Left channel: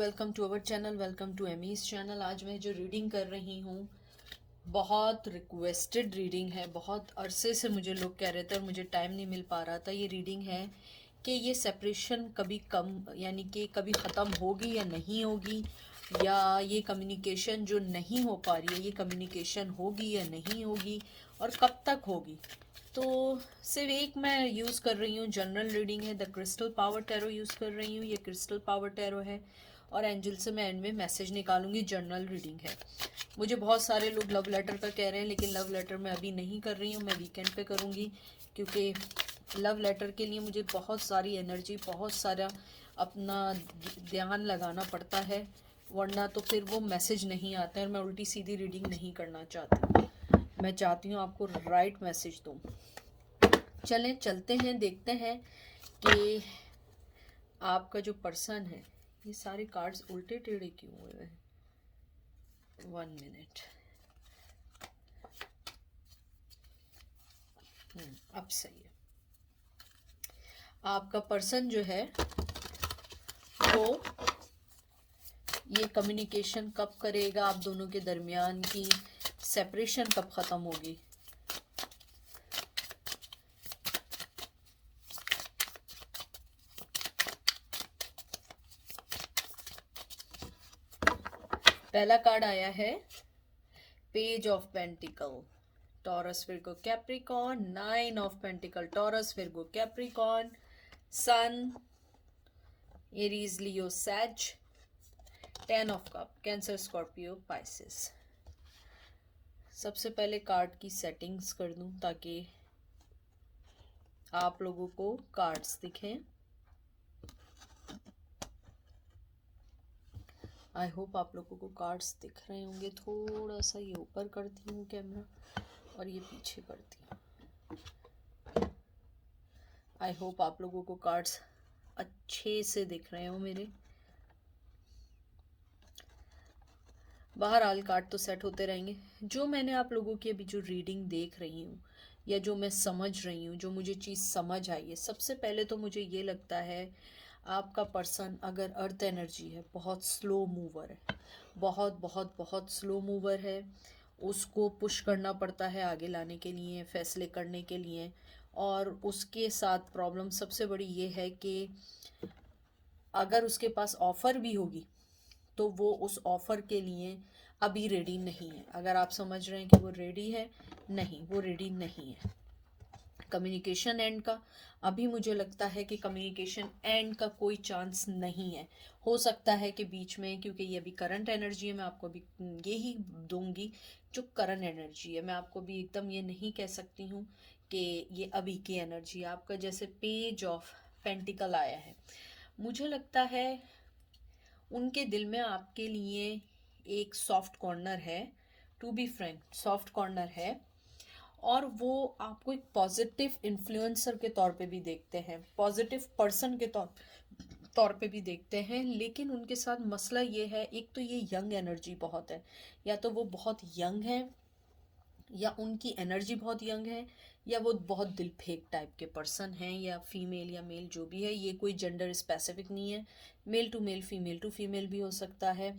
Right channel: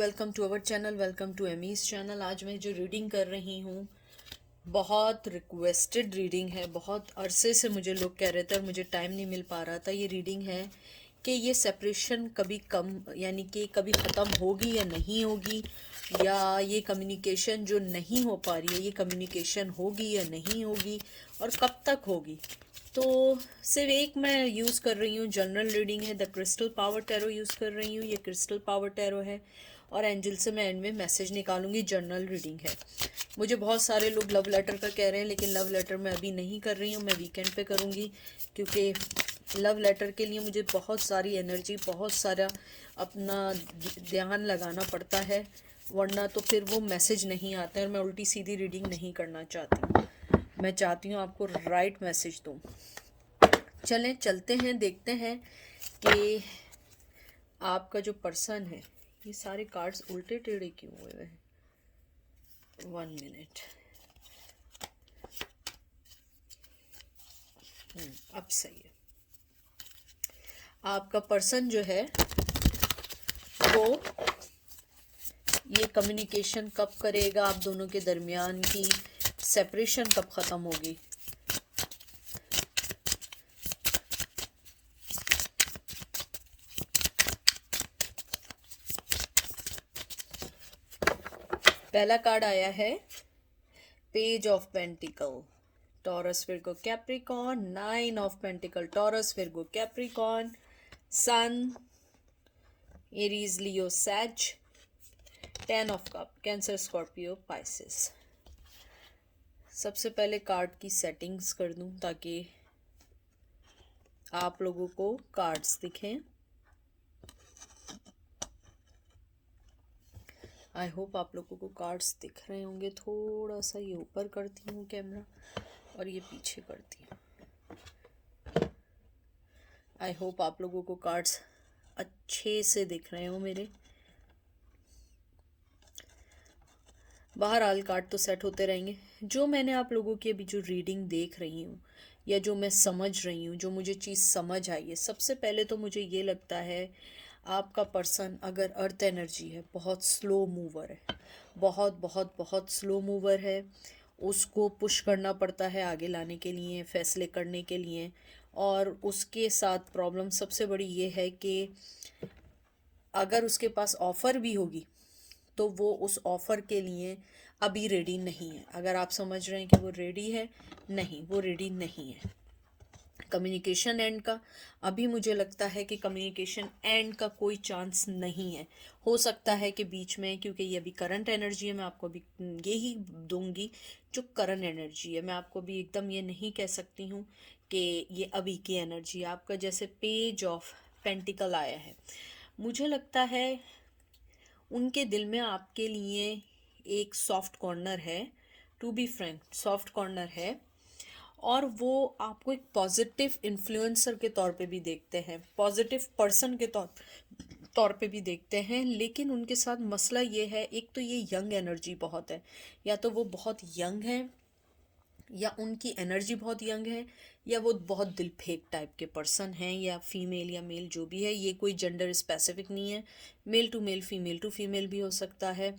Welcome to our channel, welcome to Amy's channel. आज मैं जो रीडिंग कर रही हूँ बहुत रिक्वेस्टेड रीडिंग है। बहुत अरसे से मुझे लोग कह रहे थे और मुझे टाइम नहीं मिल पा रहा था। ये रीडिंग है कि ये सेपरेशन कभी कम यानी कि कभी ख़त्म होगी या नहीं होगी, या ये कम्युनिकेशन जो नहीं हो पा रही है ये कम्युनिकेशन होगी या नहीं होगी, और कब तक होगी। तो सिर्फ एक मैं यूज़ कर रही हूँ, जनरल रीडिंग है। The crystal power tarot use कर रही हूँ। ये क्रिस्टल पावर टैरो है और एंजल से मैं एंड में मैसेज निकालूंगी। जनरल रीडिंग है। मुझे बहुत सारे लोग लव लेटर का कह रहे हैं, लेकिन लव लेटर मैं अभी नहीं कर रही हूँ, मैं वीकेंड पे करूँगी, क्योंकि लव लेटर के लिए मुझे बहुत सारी एनर्जी, बहुत सारा अपना ध्यान लगाना पड़ता है, वरना तो फिर वो मैसेज नहीं आता है। और मैं उल्टी सीधी रीडिंग नहीं करना चाहती। मैं चाहती हूँ आपको राइट मैसेज दूँ। चलें चलते हैं, देखते हैं कि आपका जो पर्सन है, ये सारे कार्ड्स उल्टे टेढ़े क्यों हुए हैं। 1 मिनट। अब सही है। आपका पर्सन जो है वो ये कम्युनिकेशन कब करेगा, आप दोनों के दरमियान की सेपरेशन कब ख़त्म होगी। पहला कार्ड आया है page of pentacle, Taurus Virgo Capricorn. 9 of pentacle, Taurus Virgo Capricorn, sun Aries Leo Sag, 10 of cup Cancer Scorpio Pisces. सबसे पहले कार्ड की सेटिंग्स कर दूं ताकि आप लोगों को कार्ड्स दिखें। आई होप आप लोगों को कार्ड्स दिख रहे होंगे। थोड़ा सा ये ऊपर करती हूँ कैमरा और ये पीछे करती हूँ। आई होप आप लोगों को कार्ड्स अच्छे से दिख रहे हो मेरे। बहरहाल कार्ड तो सेट होते रहेंगे। जो मैंने आप लोगों की अभी जो रीडिंग देख रही हूँ या जो मैं समझ रही हूँ, जो मुझे चीज़ समझ आई है, सबसे पहले तो मुझे ये लगता है आपका पर्सन अगर अर्थ एनर्जी है, बहुत स्लो मूवर है, बहुत बहुत बहुत स्लो मूवर है। उसको पुश करना पड़ता है आगे लाने के लिए, फैसले करने के लिए। और उसके साथ प्रॉब्लम सबसे बड़ी ये है कि अगर उसके पास ऑफ़र भी होगी तो वो उस ऑफ़र के लिए अभी रेडी नहीं है। अगर आप समझ रहे हैं कि वो रेडी है, नहीं, वो रेडी नहीं है। कम्युनिकेशन एंड का अभी मुझे लगता है कि कम्युनिकेशन एंड का कोई चांस नहीं है। हो सकता है कि बीच में, क्योंकि ये अभी करंट एनर्जी है, मैं आपको अभी यही दूंगी जो करंट एनर्जी है। मैं आपको भी एकदम ये नहीं कह सकती हूँ कि ये अभी की एनर्जी। आपका जैसे पेज ऑफ पेंटिकल आया है, मुझे लगता है उनके दिल में आपके लिए एक सॉफ्ट कॉर्नर है। To be frank, soft corner है। और वो आपको एक पॉजिटिव इन्फ्लुएंसर के तौर पे भी देखते हैं, पॉजिटिव पर्सन के तौर तौर पे भी देखते हैं। लेकिन उनके साथ मसला ये है, एक तो ये यंग एनर्जी बहुत है, या तो वो बहुत यंग है, या उनकी एनर्जी बहुत यंग है, या वो बहुत दिल फेंक टाइप के पर्सन हैं, या फीमेल या मेल जो भी है। ये कोई जेंडर स्पेसिफिक नहीं है, male to male, female to female भी हो सकता है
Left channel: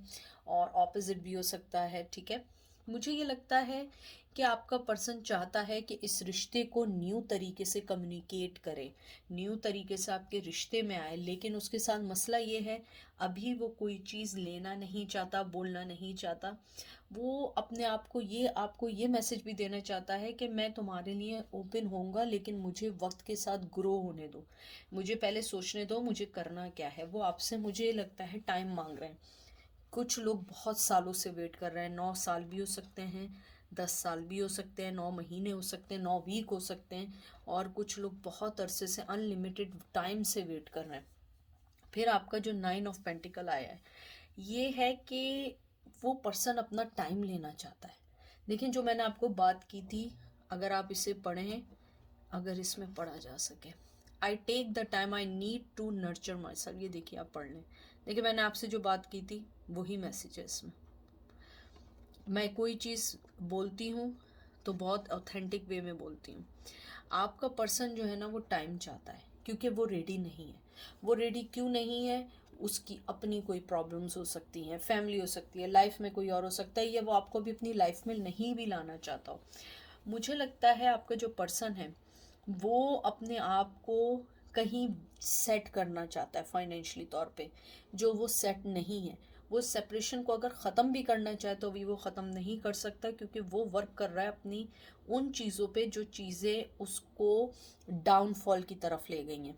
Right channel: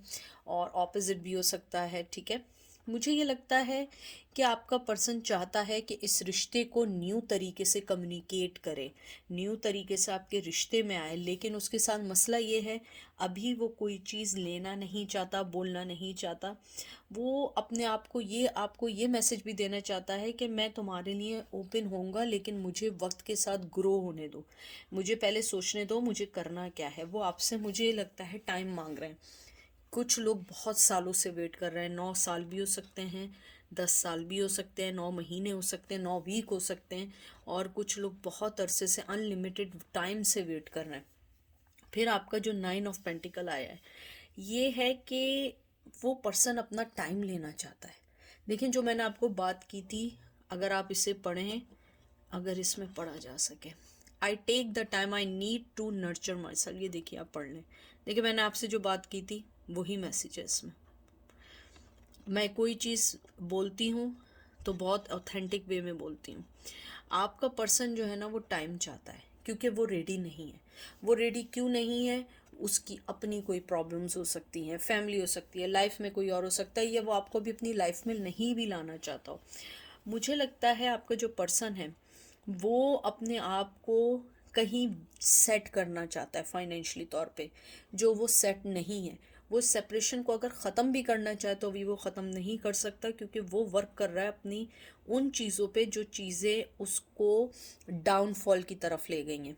और ऑपोजिट भी हो सकता है। ठीक है, मुझे ये लगता है कि आपका पर्सन चाहता है कि इस रिश्ते को न्यू तरीके से कम्युनिकेट करे, न्यू तरीके से आपके रिश्ते में आए। लेकिन उसके साथ मसला ये है, अभी वो कोई चीज़ लेना नहीं चाहता, बोलना नहीं चाहता। वो अपने आप को ये, आपको ये मैसेज भी देना चाहता है कि मैं तुम्हारे लिए ओपन होऊंगा, लेकिन मुझे वक्त के साथ ग्रो होने दो, मुझे पहले सोचने दो मुझे करना क्या है। वो आपसे, मुझे लगता है, टाइम मांग रहे हैं। कुछ लोग बहुत सालों से वेट कर रहे हैं। 9 साल भी हो सकते हैं, 10 साल भी हो सकते हैं, 9 महीने हो सकते हैं, 9 वीक हो सकते हैं, और कुछ लोग बहुत अरसे से, अनलिमिटेड टाइम से वेट कर रहे हैं। फिर आपका जो 9 ऑफ पेंटिकल आया है, ये है कि वो पर्सन अपना टाइम लेना चाहता है। लेकिन जो मैंने आपको बात की थी, अगर आप इसे पढ़ें, अगर इसमें पढ़ा जा सके, I take the time I need to nurture my self. ये देखिए, आप पढ़ लें। देखिए, मैंने आपसे जो बात की थी वही मैसेज है इसमें। मैं कोई चीज़ बोलती हूँ तो बहुत ऑथेंटिक वे में बोलती हूँ। आपका पर्सन जो है ना, वो टाइम चाहता है, क्योंकि वो रेडी नहीं है। वो रेडी क्यों नहीं है? उसकी अपनी कोई प्रॉब्लम्स हो सकती हैं, फैमिली हो सकती है, लाइफ में कोई और हो सकता है, या वो आपको भी अपनी लाइफ में नहीं भी लाना चाहता हो। मुझे लगता है आपका जो पर्सन है वो अपने आप को कहीं सेट करना चाहता है फाइनेंशियली तौर पे, जो वो सेट नहीं है। वो सेपरेशन को अगर ख़त्म भी करना चाहे तो भी वो ख़त्म नहीं कर सकता, क्योंकि वो वर्क कर रहा है अपनी उन चीज़ों पे जो चीज़ें उसको डाउनफॉल की तरफ ले गई हैं,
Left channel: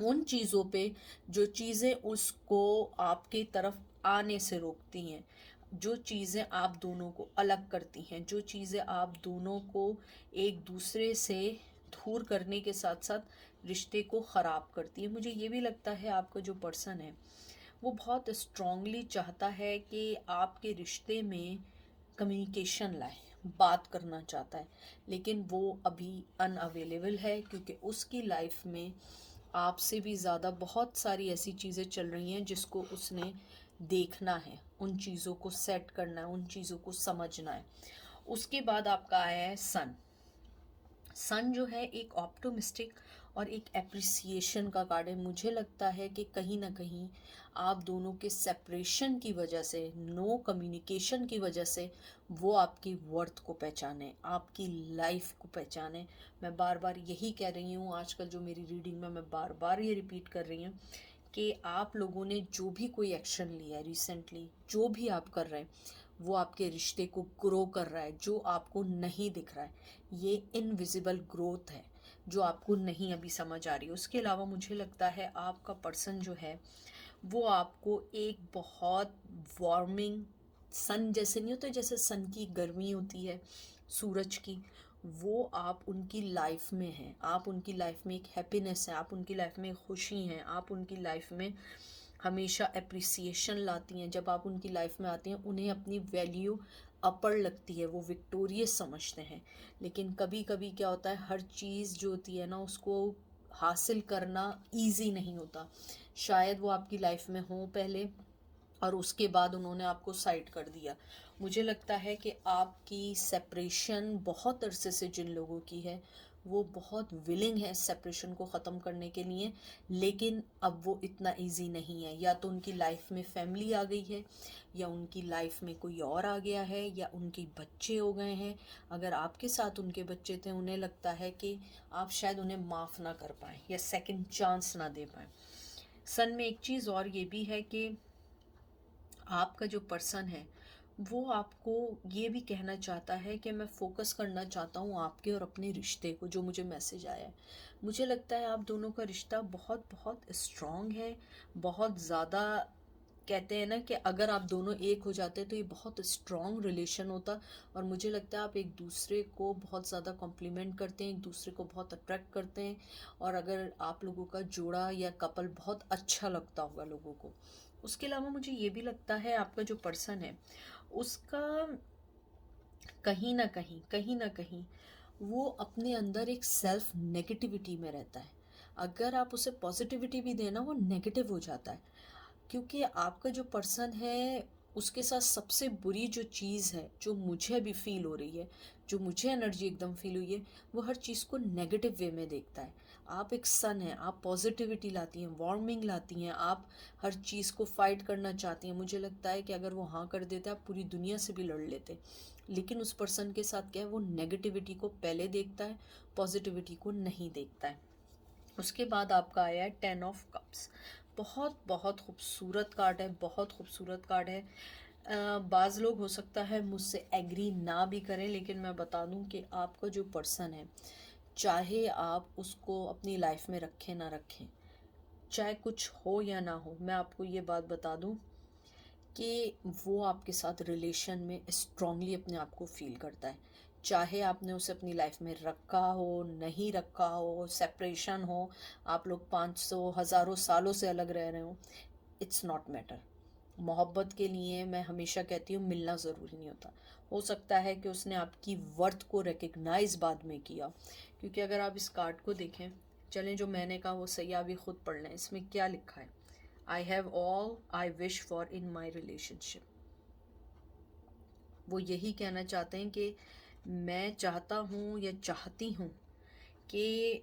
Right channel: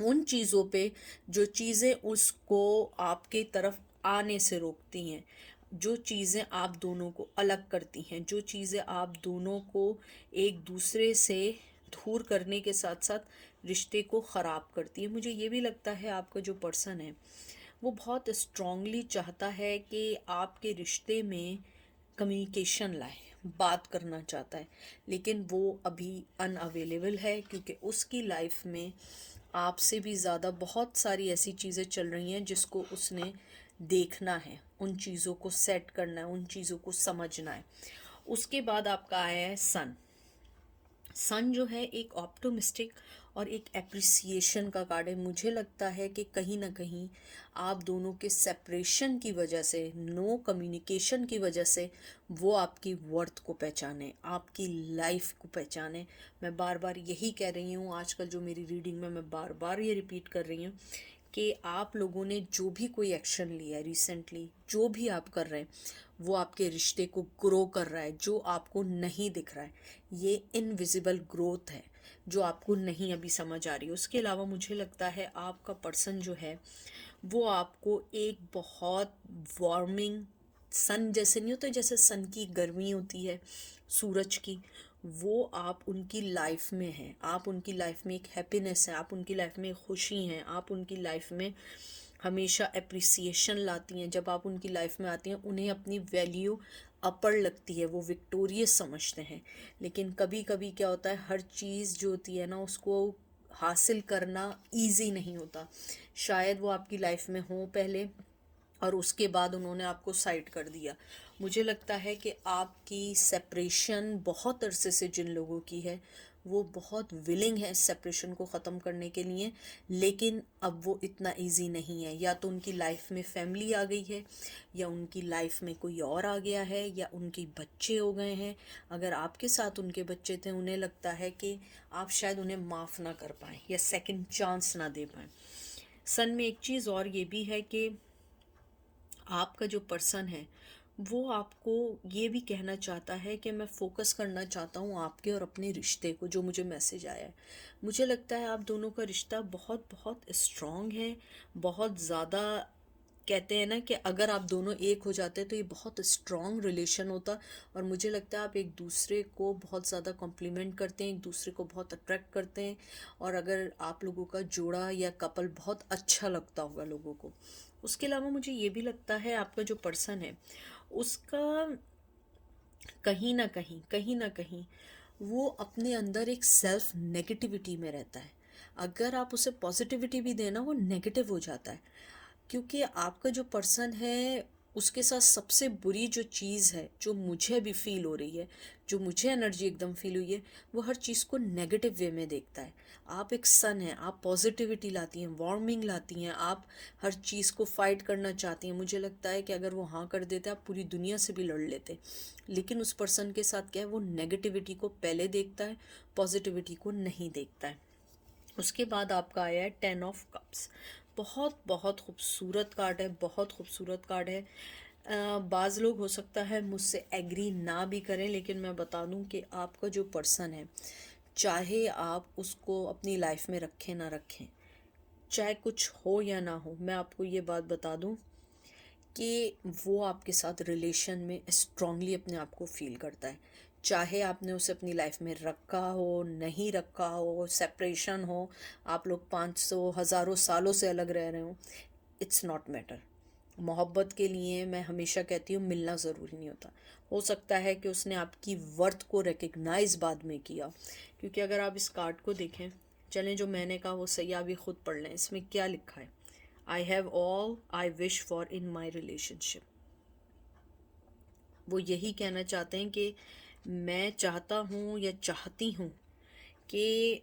उन चीज़ों पे जो चीज़ें उसको आपके तरफ आने से रोकती हैं, जो चीज़ें आप दोनों को अलग करती हैं, जो चीज़ें आप दोनों को एक दूसरे से दूर करने के साथ साथ रिश्ते को ख़राब करती है। मुझे ये भी लगता है आपका जो पर्सन है वो बहुत स्ट्रांगली चाहता है कि आपके रिश्ते में कम्युनिकेशन लाए, बात करना चाहता है, लेकिन वो अभी अनअवेलेबल है, क्योंकि उसकी लाइफ में आपसे भी ज़्यादा बहुत सारी ऐसी चीज़ें चल रही हैं जिसको उसने देखना है, उन चीज़ों को सेट करना है, उन चीज़ों को समझना है। उसके बाद आपका आया है सन। सन जो है एक ऑप्टोमिस्टिक और एक एप्रिसिएशन का कार्ड है। मुझे लगता है कि कहीं ना कहीं आप दोनों के सेपरेशन की वजह से, नो कम्युनिकेशन की वजह से वो आपकी वर्थ को पहचाने, आपकी लाइफ को पहचाने। मैं बार बार यही कह रही हूँ, आजकल जो मेरी रीडिंग में मैं बार बार ये रिपीट कर रही हूँ कि आप लोगों ने जो भी कोई एक्शन लिया है रिसेंटली, जो भी आप कर रहे हैं, वो आपके रिश्ते को ग्रो कर रहा है, जो आपको नहीं दिख रहा है। ये इनविजिबल ग्रोथ है जो आपको नहीं अभी समझ आ रही है। उसके अलावा मुझे लगता है आपका पर्सन जो है वो आपको एक बहुत वार्मिंग सन जैसे नहीं होता, जैसे सन की गर्मी होती है सूरज की, वो आप उनकी लाइफ में हैं। आप उनकी लाइफ में एक हैप्पीनेस है, आप उनकी लाइफ में खुशी हैं, आप उनकी लाइफ में हमेशा अप्रिसिएशन लाती हैं। जब आप उनकी लाइफ में आती हैं उन्हें अपनी वैल्यू अपर लगती है, वो विक्टोरियस समझते हैं। लेकिन कभी कभी क्या होता है, हर चीज़ जो होती है ना उसको हासिल करना इजी नहीं होता। शायद वो आपकी लाइफ में हो पहले और उसके बाद उन्होंने आपको साइड कर दिया। मुझे लगता है कि आपकी सेपरेशन बहुत अरसे से जिन लोगों की है वो बहुत विलिंग है सेपरेशन को ख़त्म करने के लिए, लेकिन अब वो इतना इजी नहीं है। या तो उनकी लाइफ में फैमिली आ गई है, या उनकी लाइफ में कोई और आ गया है, या उनके बच्चे हो गए हैं। अगर आपके साथ उनके बच्चे थे, उन्हें लगता है कि आप शायद उन्हें माफ़ ना कर पाएँ या सेकंड चांस ना दे पाएँ। सन में एक चीज़ और ये भी है कि आपका जो पर्सन है वो आपको ये भी कहना चाहता है कि मैं फोकस करना चाहता हूँ आपके और अपने रिश्ते को, जो मुझे मैसेज आया है। मुझे लगता है आप दोनों का रिश्ता बहुत बहुत स्ट्रॉन्ग है, बहुत ज़्यादा। कहते हैं ना कि अगर आप दोनों एक हो जाते तो ये बहुत स्ट्रॉन्ग रिलेशन होता। और मुझे लगता है आप एक दूसरे को बहुत ज़्यादा कॉम्प्लीमेंट करते हैं, एक दूसरे को बहुत अट्रैक्ट करते हैं। और अगर आप लोगों का जोड़ा या कपल बहुत अच्छा लगता होगा लोगों को। उसके अलावा मुझे ये भी लगता है आपका जो पर्सन है उसका कहीं ना कहीं वो अपने अंदर एक सेल्फ नेगेटिविटी में रहता है। अगर आप उसे पॉजिटिविटी भी देना वो नेगेटिव हो जाता है, क्योंकि आपका जो पर्सन है उसके साथ सबसे बुरी जो चीज़ है, जो मुझे अभी फील हो रही है, जो मुझे एनर्जी एकदम फील हुई है, वो हर चीज़ को नेगेटिव वे में देखता है। आप एक सन हैं, आप पॉजिटिविटी लाती हैं, वार्मिंग लाती हैं, आप हर चीज़ को फाइट करना चाहती हैं। मुझे लगता है कि अगर वो हाँ कर देते आप पूरी दुनिया से भी लड़ लेते। लेकिन उस पर्सन के साथ क्या है, वो नेगेटिविटी को पहले देखता है, पॉजिटिविटी को नहीं देखता है। उसके बाद आपका आया है 10 ऑफ कप्स। बहुत बहुत खूबसूरत कार्ड है, बहुत खूबसूरत कार्ड है। बाज़ लोग हो सकता है मुझसे एग्री ना भी करें, लेकिन मैं बता दूं कि आपका जो पर्सन है, चाहे आप उसको अपनी लाइफ में रखें ना रखें, चाहे कुछ हो या ना हो, मैं आपको ये बात बता दूं कि वो आपके साथ रिलेशन में स्ट्रांगली अपने आप को फील करता है। चाहे आपने उसे अपनी लाइफ में रखा हो, नहीं रखा हो, सेपरेशन हो, आप लोग 500 हज़ारों सालों से अलग रह रहे हो, इट्स नॉट मैटर। मोहब्बत के लिए मैं हमेशा कहती हूँ मिलना ज़रूरी नहीं होता। हो सकता है कि उसने आपकी वर्थ को रिकग्नाइज बाद में किया। क्योंकि अगर आप इस कार्ड को देखें, चलें जो मैंने कहा वो सही आप भी खुद पढ़ लें, इसमें क्या लिखा है। I have all I wish for in my relationship. वो यही कहना चाहते हैं कि मैं चाहता हूँ या चाहती हूँ कि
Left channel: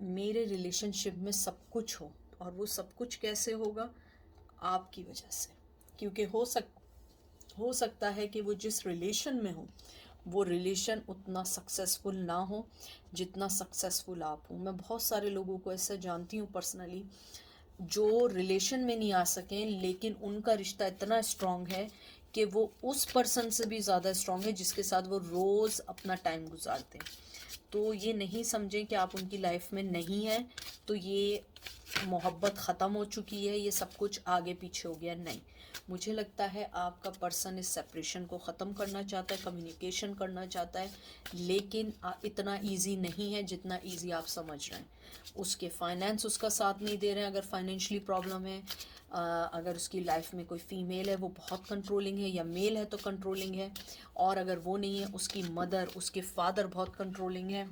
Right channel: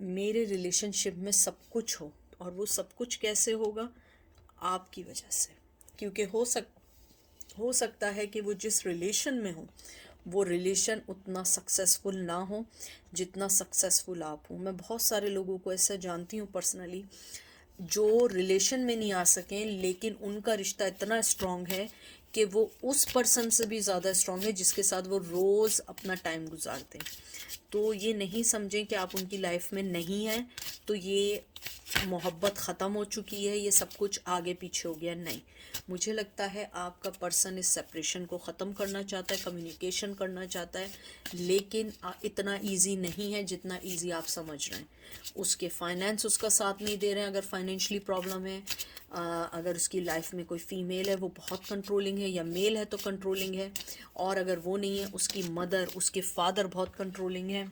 मेरे रिलेशनशिप में सब कुछ हो। और वो सब कुछ कैसे होगा, आपकी वजह से, क्योंकि हो सकता है कि वो जिस रिलेशन में हो वो रिलेशन उतना सक्सेसफुल ना हो जितना सक्सेसफुल आप हो। मैं बहुत सारे लोगों को ऐसा जानती हूँ पर्सनली, जो रिलेशन में नहीं आ सकें लेकिन उनका रिश्ता इतना स्ट्रांग है कि वो उस पर्सन से भी ज़्यादा स्ट्रांग है जिसके साथ वो रोज़ अपना टाइम गुजारते हैं। तो ये नहीं समझें कि आप उनकी लाइफ में नहीं हैं तो ये मोहब्बत ख़त्म हो चुकी है, ये सब कुछ आगे पीछे हो गया। नहीं, मुझे लगता है आपका पर्सन इस सेपरेशन को ख़त्म करना चाहता है, कम्युनिकेशन करना चाहता है, लेकिन इतना इजी नहीं है जितना इजी आप समझ रहे हैं। उसके फाइनेंस उसका साथ नहीं दे रहे हैं, अगर फाइनेंशियली प्रॉब्लम है। अगर उसकी लाइफ में कोई फीमेल है वो बहुत कंट्रोलिंग है, या मेल है तो कंट्रोलिंग है, और अगर वो नहीं है उसकी मदर, उसके फादर बहुत कंट्रोलिंग है,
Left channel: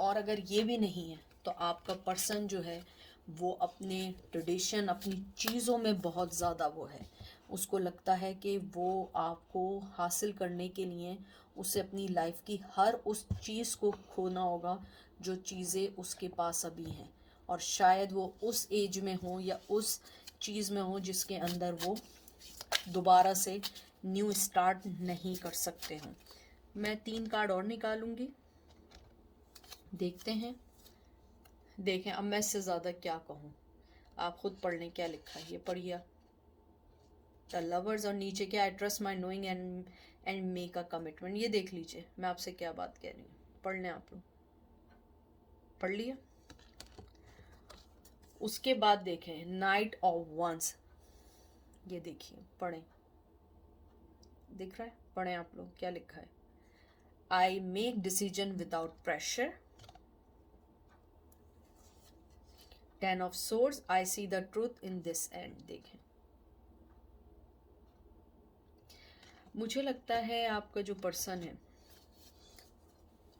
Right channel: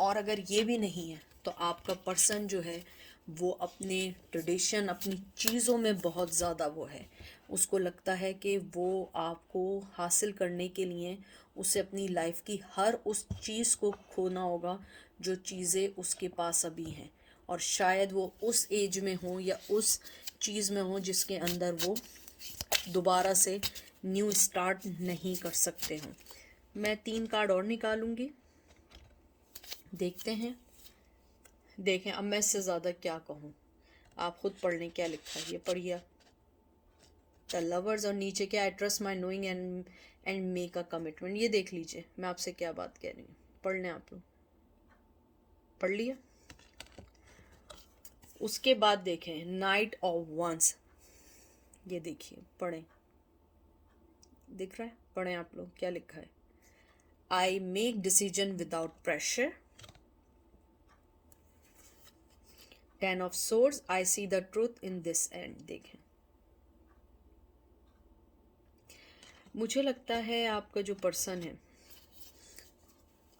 और अगर ये भी नहीं है तो आपका पर्सन जो है वो अपने ट्रेडिशन, अपनी चीज़ों में बहुत ज़्यादा वो है। उसको लगता है कि वो आपको हासिल करने के लिए उसे अपनी लाइफ की हर उस चीज़ को खोना होगा जो चीज़ें उसके पास अभी हैं, और शायद वो उस एज में हो या उस चीज़ में हो जिसके अंदर वो दोबारा से न्यू स्टार्ट नहीं कर सकते हों। मैं 3 कार्ड और निकालूंगी, देखते हैं। देखें अब मैं इससे ज़्यादा क्या कहूँ, आप खुद पढ़ लें क्या लिखा है। ये पढ़िए, द लवर्स, और नीचे क्या, I trust my knowing and make a commitment. ये देख लीजिए मैं आपसे क्या बात कह रही हूँ, पढ़ लें आप लोग, पढ़ लिया। उसके बाद देखें नाइट ऑफ वंस, ये देखिए, पढ़ें, दिख रहा है, पढ़ें आप लोग क्या लिखा है। I make decision without pressure. 10 of swords, I see the truth in this and. देखें, मुझे लगता है आपका जो पर्सन है,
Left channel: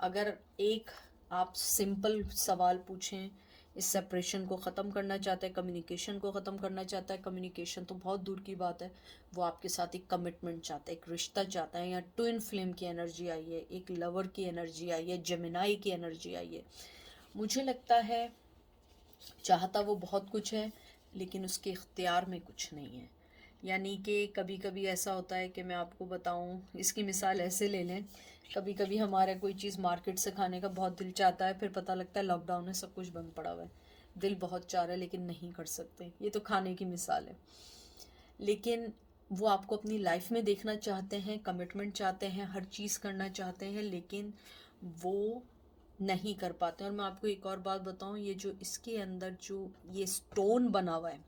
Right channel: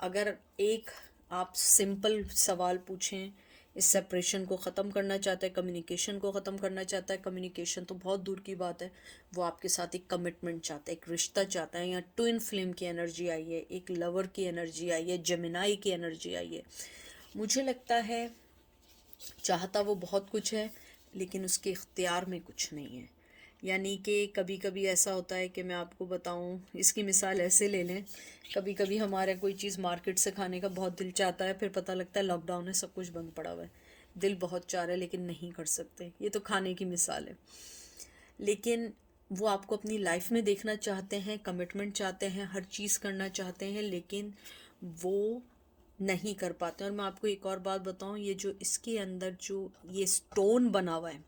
अगर एक आप सिंपल सवाल पूछें, इस सेपरेशन को ख़त्म करना चाहता है, कम्युनिकेशन को ख़त्म करना चाहता है, कम्युनिकेशन तो बहुत दूर की बात है, वो आपके साथ एक कमिटमेंट चाहता है, एक रिश्ता चाहता है। यहाँ ट्विन फ्लेम की एनर्जी आई है, एक लवर की एनर्जी आई है, जेमिनाई की एनर्जी आई है। मुझे लगता है चाहता वो बहुत कुछ है लेकिन उसके इख्तियार में कुछ नहीं है। यानी कि कभी कभी ऐसा होता है कि मैं आपको बताऊं, इसकी मिसाल ऐसे ले लें, कभी कभी हमारे कोई चीज़ मार्केट से खाने का बहुत दिल चाहता है, फिर पता लगता है लॉकडाउन है, सब कुछ बंद पड़ा हुआ है, दिल बहुत चाह रहा है लेकिन नहीं कर सकते। ये तो खाने की मिसाल है। लेकिन वो आपको अपनी लाइफ में देखना चाहते हैं, कमिटमेंट चाहते हैं, हर चीज़ करना चाहते हैं, लेकिन वो नहीं कर पाते। और मैं आपको एक और बात बताऊं, ये जो इसके अंदर जो ये स्टोन बना हुआ है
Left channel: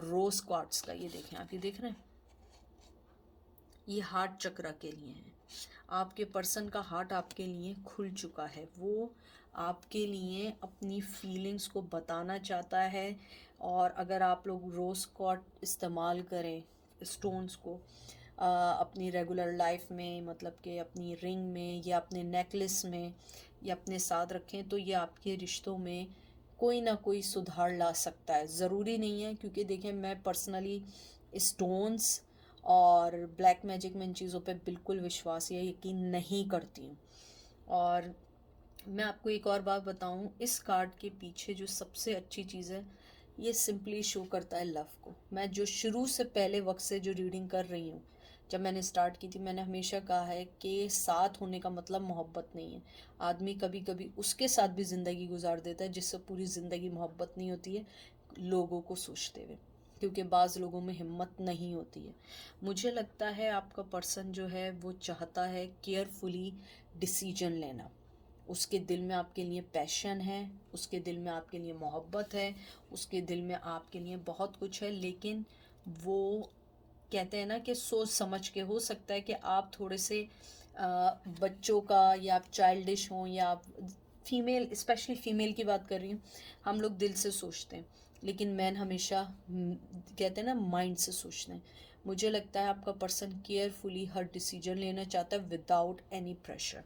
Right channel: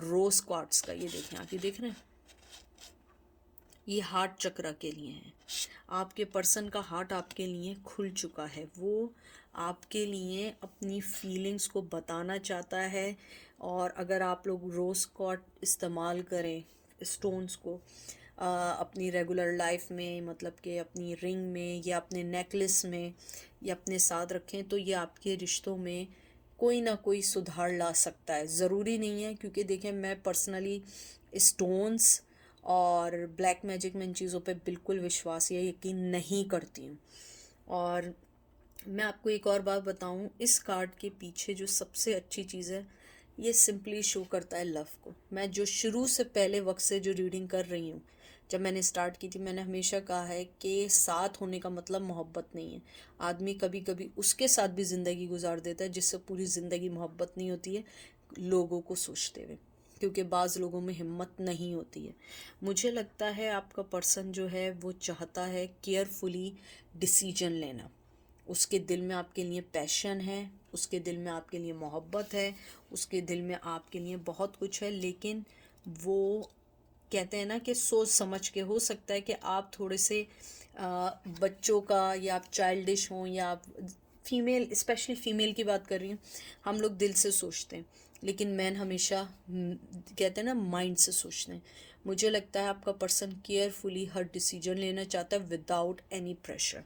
रोज क्वार्ट्स का, ये देखें आप, ये देख रहे हैं, ये हार्ट चक्र के लिए है। आपके पर्सन का हार्ट आपके लिए खुल चुका है, वो आपके लिए अपनी फीलिंग्स को बताना चाहता है। और अगर आप लोग रोज क्वार्ट्स इस्तेमाल करें स्टोन्स को अपनी रेगुलर लाइफ में, मतलब कि अपनी रिंग में या अपने नेकलेस में या अपने साथ रखें, तो ये आपके रिश्तों में कोई ना कोई सुधार ला सकता है। ज़रूरी नहीं है, क्योंकि देखें मैं पर्सनली स्टोन्स और ब्लैक मैजिक में इन चीज़ों पे बिल्कुल विश्वास या यकीन नहीं करती हूँ। और मैं आपको एक और बात बताऊँ, इस कार्ड के पीछे जो सबसे अच्छी चीज़ है, ये सिंपली शो करता है लव को। मैं जो शुरू से पहले वक्त से जो रीडिंग कर रही हूँ, जब मैंने स्टार्ट की थी, मैंने हमेशा कहा है कि साथ होने का मतलब मोहब्बत नहीं है। आदमी कभी कभी उसके साथ भी ज़िंदगी गुजार देता है जिससे पूरी ज़िंदगी मोहब्बत नहीं होती है, लोगों को सोचते हुए, क्योंकि बाज़ लोगों में हिम्मत नहीं होती है। मुझे लगता है आपका पर्सन जो है वो चाहता है केयरफुली डिसीजन लेना। उसके दिल में आपके लिए पैशन है, उसके दिल में आपके लिए मोहब्बत है, उसके दिल में आपके लिए बहुत कुछ है, लेकिन वो कहते हैं ना कि सोच समझ के, हो सकता है कि आप थोड़े से बच्चों का, या आप चाइल्डिश हों, या आप फीमेल, स्पेशली फीमेल की बात कर रही हूँ, हम लोग दिल से सोचते हैं, लेकिन मैन हमेशा कहते हैं ना माइंड से सोचते हैं। मुझे लगता है आपका पर्सन केयरफुली हर डिसीजन लेना चाहता है विदाउट एनी प्रेशर।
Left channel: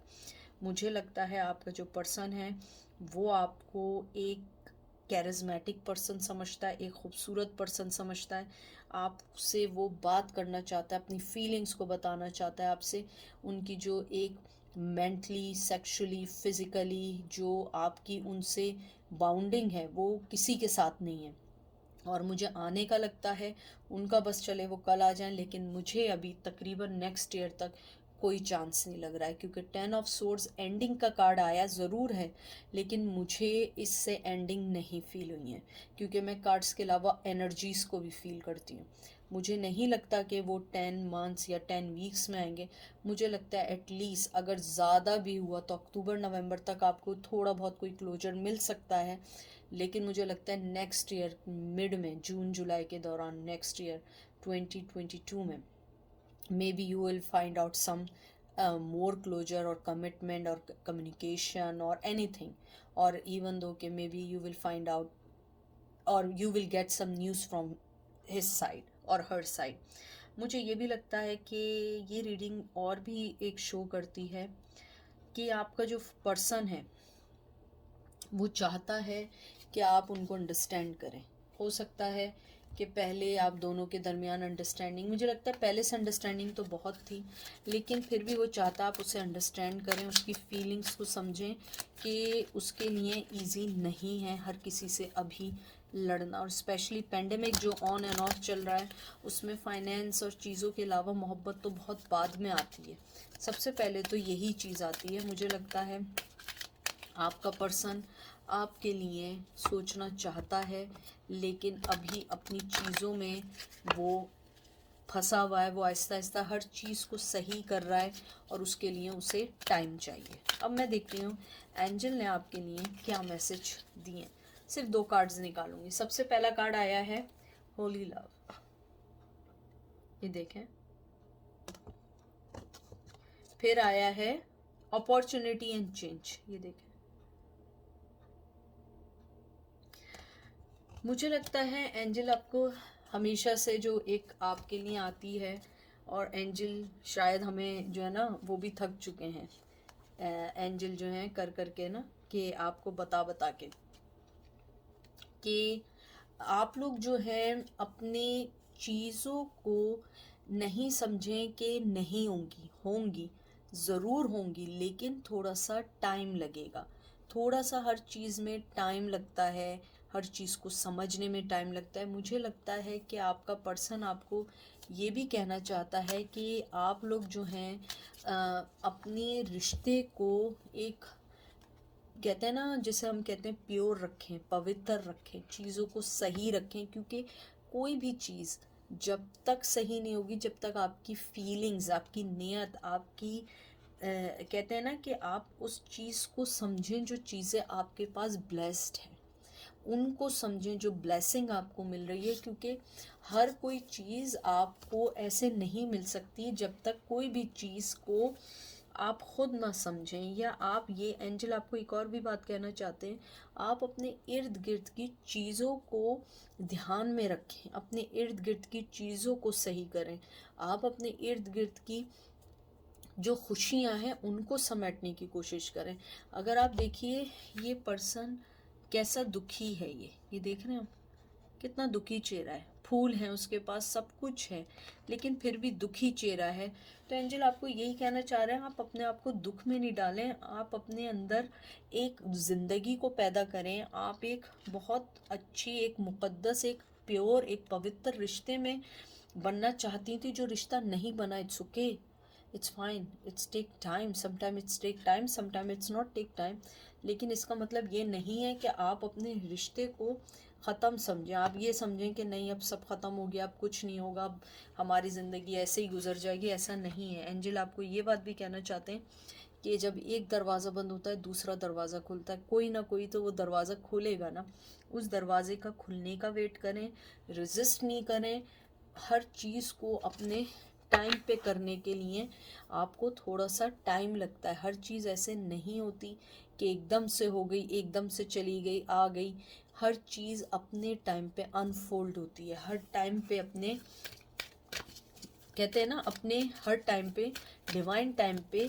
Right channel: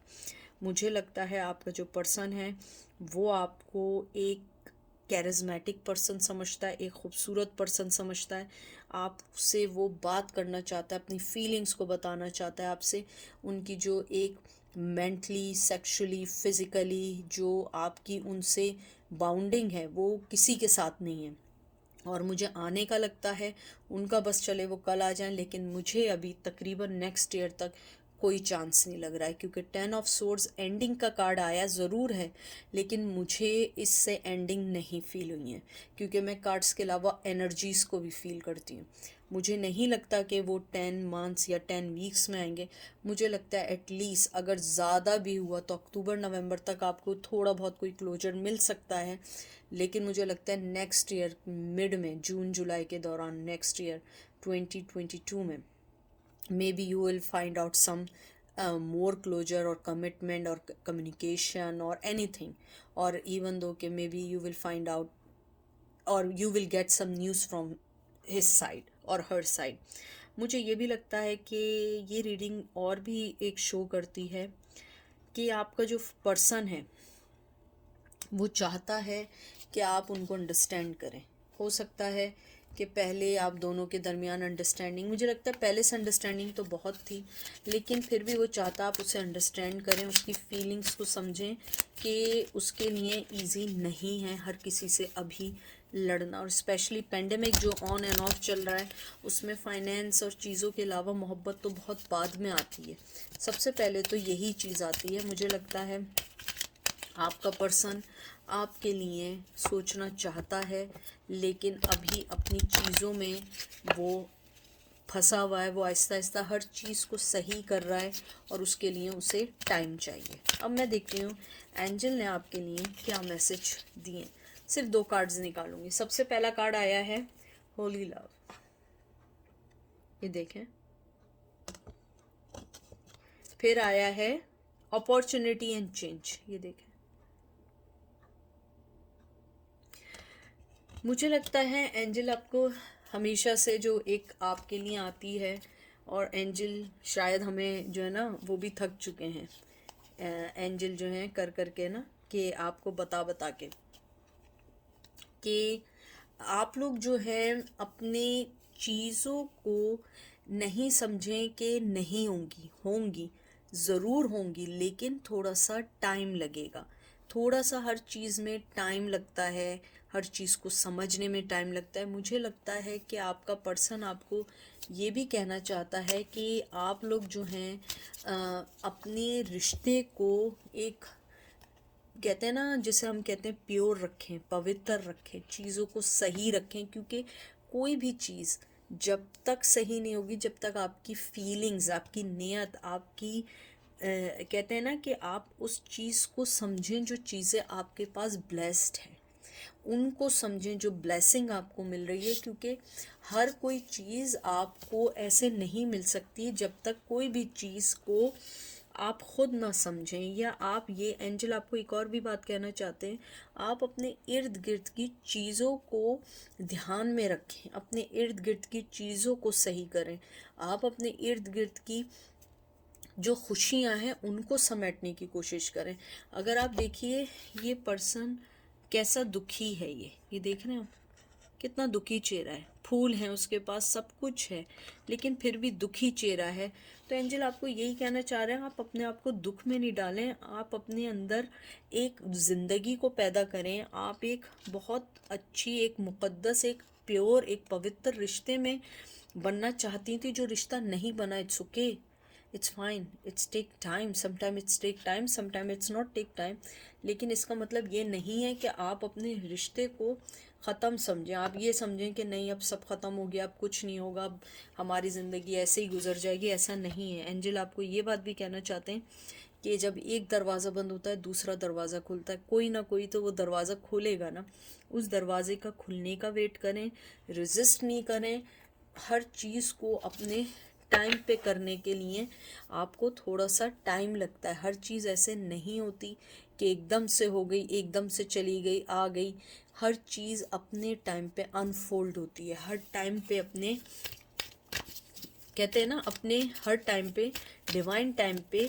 मुझे लगता है आपका जो पर्सन है वो आपको एक कैरिज्मेटिक पर्सन समझता है, एक खूबसूरत पर्सन समझता है, आपसे वो बात करना चाहता है, अपनी फीलिंग्स को बताना चाहता है आपसे। उनकी जो एक मेंटली, सेक्सुअली, फिज़िकली जो आपकी उनसे बाउंडिंग है वो किसी के साथ नहीं है। और मुझे आने का लगता है, उनका बस चले वो कल आ जाएं, लेकिन मुझे अभी तकरीबन नेक्स्ट ईयर तक कोई चांस नहीं लग रहा है, क्योंकि 10 ऑफ सोर्ड्स एंडिंग का कार्ड आया ज़रूर है, लेकिन मुझे इससे एंडिंग नहीं फील हुई है, क्योंकि मैं कार्ड्स के अलावा एनर्जीज़ को भी फील करती हूँ। मुझे नहीं लगता कि वो 10 मंथ्स या 10 वीक्स में आएंगे। मुझे लगता है एटलीस्ट अगर ज़्यादा भी हुआ तो अक्टूबर नवंबर तक आपको थोड़ा बहुत कोई क्लोजर मिल सकता है, लेकिन मुझे लगता है नेक्स्ट ईयर मिड में, जून जुलाई के दौरान, नेक्स्ट ईयर 2022 में maybe you will find out some more closure और कमिटमेंट और कम्युनिकेशन और एनीथिंग, और इवन दो कि maybe you will find out और you will get some news from his side और हर साइड। मुझे ये भी लगता है कि ये रीडिंग और भी एक शो करती है कि आपका जो पर्सन है वो चाहता है कि आप उनको अंडरस्टैंड करें। हो सकता है कि पहले आप दोनों के दरमियान अंडरस्टैंडिंग, मुझे लगता है पहले से अंडरस्टैंडिंग तो बहुत थी, लेकिन फिर भी वो चाहता आप उसे अंडरस्टैंड करें, उसकी फीलिंग्स को समझें कि उसके लिए इजी नहीं है हर किसी से अभी लड़ना। और स्पेशली पेंडेमिक जो ऑन एंड ऑफ चल रहा है, उसमें फाइनेंस और चीज़ों के अलावा मोहब्बत तो बहुत बाद में आती है। सबसे पहले तो यही चीज़ आती है। मुझे लगता है आपका पर्सन आपके लिए सोचना चाहता है, लेकिन अभी अपनी चीज़ों में वो फंसा हुआ है। वो आहिस्ता आहिस्ता हर चीज़ को सही कर रहा है और उसके लिए उसे टाइम चाहिए। अब मैं देखती हूँ एंजल ने आपके लिए क्या मैसेज दिए। सिर्फ 2 कार्ड्स निकालूंगी। सबसे पहला कार्ड आया है होली लव, ये देखें। फिर आया है अपॉर्चुनिटी एंड चेंज, ये देखें। मुझे लगता है एंजल आपको हमेशा से जो एक आपके लिए आती है, और एंजल शायद हमें जो है ना वो भी थक चुके हैं, एंजल जो हैं कर कर के ना, कि आपको बता बता के कि आप लोग जो हैं अपनी चीज़ों को नहीं समझें कि नहीं होंगी, होंगी ज़रूर होंगी, लेकिन थोड़ा सा टाइम लगेगा। थोड़ा सा हर चीज़ में टाइम लगता है, हर चीज़ को समझने में टाइम लगता है। मुझे लगता है कि आपका पर्सन आपको ये भी कहना चाहता है कि आप लोग जो हैं अपने रिश्ते को एक, कहते हैं ना, जिसे हम कहते हैं प्योर रखें, पवित्र रखें, चीज़ों को सही रखें, क्योंकि कोई भी चीज़ जब तक सही नहीं होगी, जब तक आपकी फीलिंग्स, आपकी नियत, आपकी कहते हैं ना कि आप उस चीज़ को समझें जो चीज़ें आपके पास ब्लेस्ड हैं, उनको समझें जो ब्लेसिंग आपको मिल रही है, क्योंकि हर कोई चीज़ आपको ऐसे नहीं मिल सकती जब तक कोई भी चीज़ को आप खुद ना समझें। या आप, ये एंजल आपको एक और भी बात कहना चाहते हैं, आप अपने इर्द गिर्द की चीज़ों को ध्यान में रखें, अपने इर्द गिर्द की चीज़ों को सही करें। आप अपने इर्द गिर्द की जो खुशियां हैं उनको समेटने की कोशिश करें। अगर आप देखिए ये पर्सन कैसा दुखी है, ये देख रहे हैं आप, कितना दुखी चेहरा है, फूल हैं उसके पास, सब कुछ है, लेकिन फिर भी दुखी चेहरा है। तो एंजल आपको यही कहना चाह रहे हैं, आप अपने आप को दुख में नहीं डालें, आप अपने अंदर एक ज़िंदगी को पैदा करें। आप एक बहुत अच्छी, एक मुक़द्दस, एक प्योर, एक पवित्र रिश्ते में बनना चाहती थी, जो रिश्ता नहीं बना। It's okay, it's fine, it's take time, sometime it's take time, sometime it's not take time. लेकिन इसका मतलब ये नहीं है कि आप अपने रिश्ते को ख़त्म समझें। आप ये समझें कि नहीं अब सब ख़त्म हो गया, अब कुछ नहीं होगा, अब हमारी ज़िंदगी ऐसे ही गुजर जाएगी, ऐसा नहीं है। एंजल आपको ये बात भी कहना चाहते हैं कि जब एक दरवाज़ा बंद होता है दूसरा दरवाज़ा खुलता है, कोई ना कोई तो वो दरवाज़ा खोलेगा ना, उस दरवाजे का खुलने का वेट करें, रेजिस्ट नहीं करें। हर चीज़ को अपने टाइम पे करने के लिए आपको थोड़ा सा टाइम लगता है। हर चीज़ ऐसे नहीं होती कि एकदम से हो गई, एकदम से चली गई, आ गई। हर चीज़ अपने टाइम पे अनफोल्ड होती है, हर टाइम पे अपने, कहते हैं ना, अपने हर टाइम पे, डिवाइन टाइम पे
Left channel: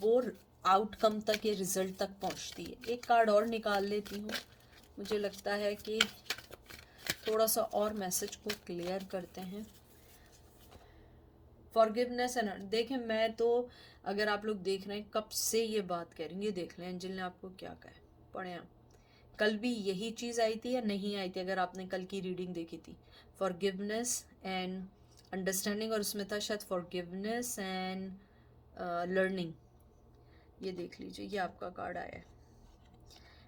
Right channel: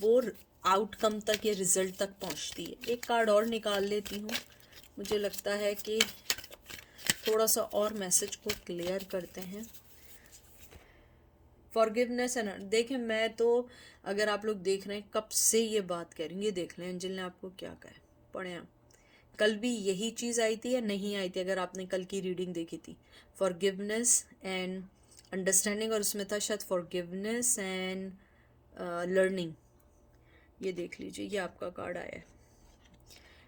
वो आउटकम तक या रिजल्ट तक पहुंचती है। एक कार्ड और निकाल लेती हूँ। मुझे लगता है कि थोड़ा सा और मैसेज को क्लियर करते हैं। फॉरगिवनेस एंड, देखें मैं तो, अगर आप लोग देख रहे हैं कब से ये बात कह रही हूँ, ये देख लें एंजल ने आपको क्या कहा है, पढ़ें आप। कल भी यही चीज़ आई थी या नहीं आई थी, अगर आपने कल की रीडिंग देखी थी? फॉरगिवनेस एंड अंडरस्टैंडिंग, और उसमें था शायद फॉरगिवनेस एंड लर्निंग। ये देख लीजिए, ये आपका कार्ड आया है।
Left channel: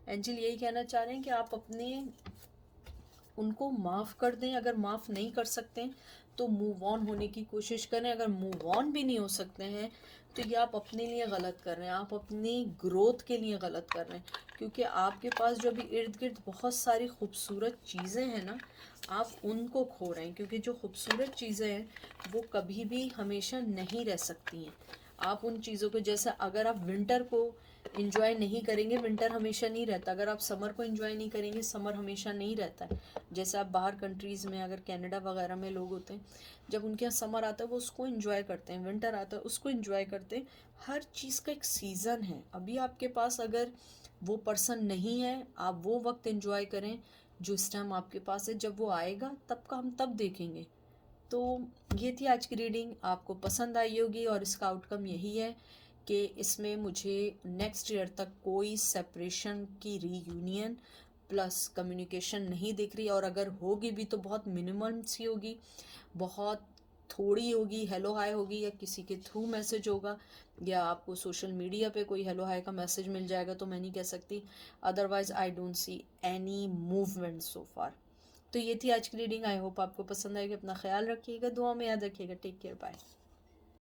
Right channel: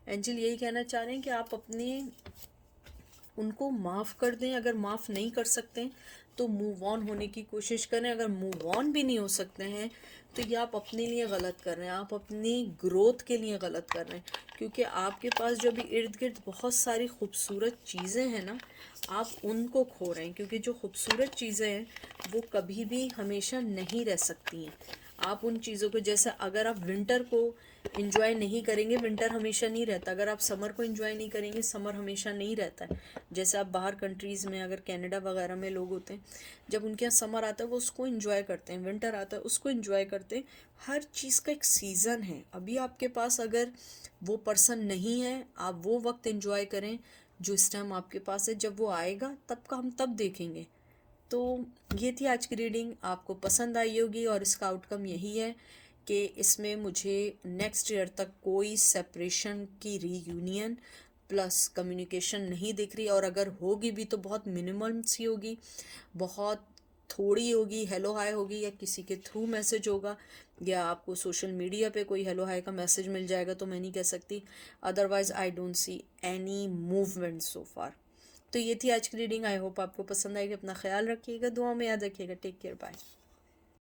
एंजल यही कहना चाह रहे हैं कि आप अपने उनको माफ़ कर दें। अगर माफ़ नहीं कर सकते हैं तो मूव ऑन होने की कोशिश करें। अगर मूव ऑन भी नहीं हो सकते हैं तो ये आप अपने लिए गलत कर रहे हैं, आप अपनी ग्रोथ के लिए गलत कर रहे हैं, क्योंकि आपके पास जो भी इर्द गिर्द बहुत सारी खूबसूरत चीज़ें हैं ना, आप उनको खो रहे हैं, क्योंकि जो खूबसूरत चीज़ें हैं वो कभी भी हमेशा नहीं रह सकती हैं। आप उन चीज़ों को, जैसे अगर आप विंटर को इंजॉय नहीं करेंगे, विंटर हमेशा नहीं रहता। अगर आप समर को इंजॉय नहीं करेंगे, समर हमेशा नहीं रहता है। जैसे आप बाहर कंट्रीज़ में, अगर कनाडा वगैरह में लोग होते हैं, जब उनके यहाँ समर आता है वो उसको इंजॉय करते हैं, विंटर आता है उसको इंजॉय करते हैं। हर चीज़ का एक सीज़न है। अभी आपके पास अगर वो पर्सन नहीं है, आप वो वक्त इंजॉय करें जो इस टाइम आपके पास है। जब वो आएगा तब का हम तब देखेंगे। तो ये थी आज की रीडिंग, आपको पसंद आई होगी, और इसका आउटकम यही है कि इसमें मुझे नेक्स्ट ईयर तक कोई सेपरेशन की रीयूनियन प्लस कम्युनिकेशन नहीं दिख रही, और अगर होगी भी तो बहुत मिनिमम सी होगी, बहुत थोड़ी होगी। हेलो हाय होगी, या किसी के थ्रू मैसेज होगा, या आपको सोशल मीडिया पे कोई हेलो हाय का मैसेज मिल जाएगा, तो मैं नहीं कह सकती। Otherwise I don't see any movement so far. तो ये थी आज की रीडिंग। आई होप आपको पसंद आएगी। अपना ख्याल रखिएगा, दुआ में याद रखिएगा। Take care, bye.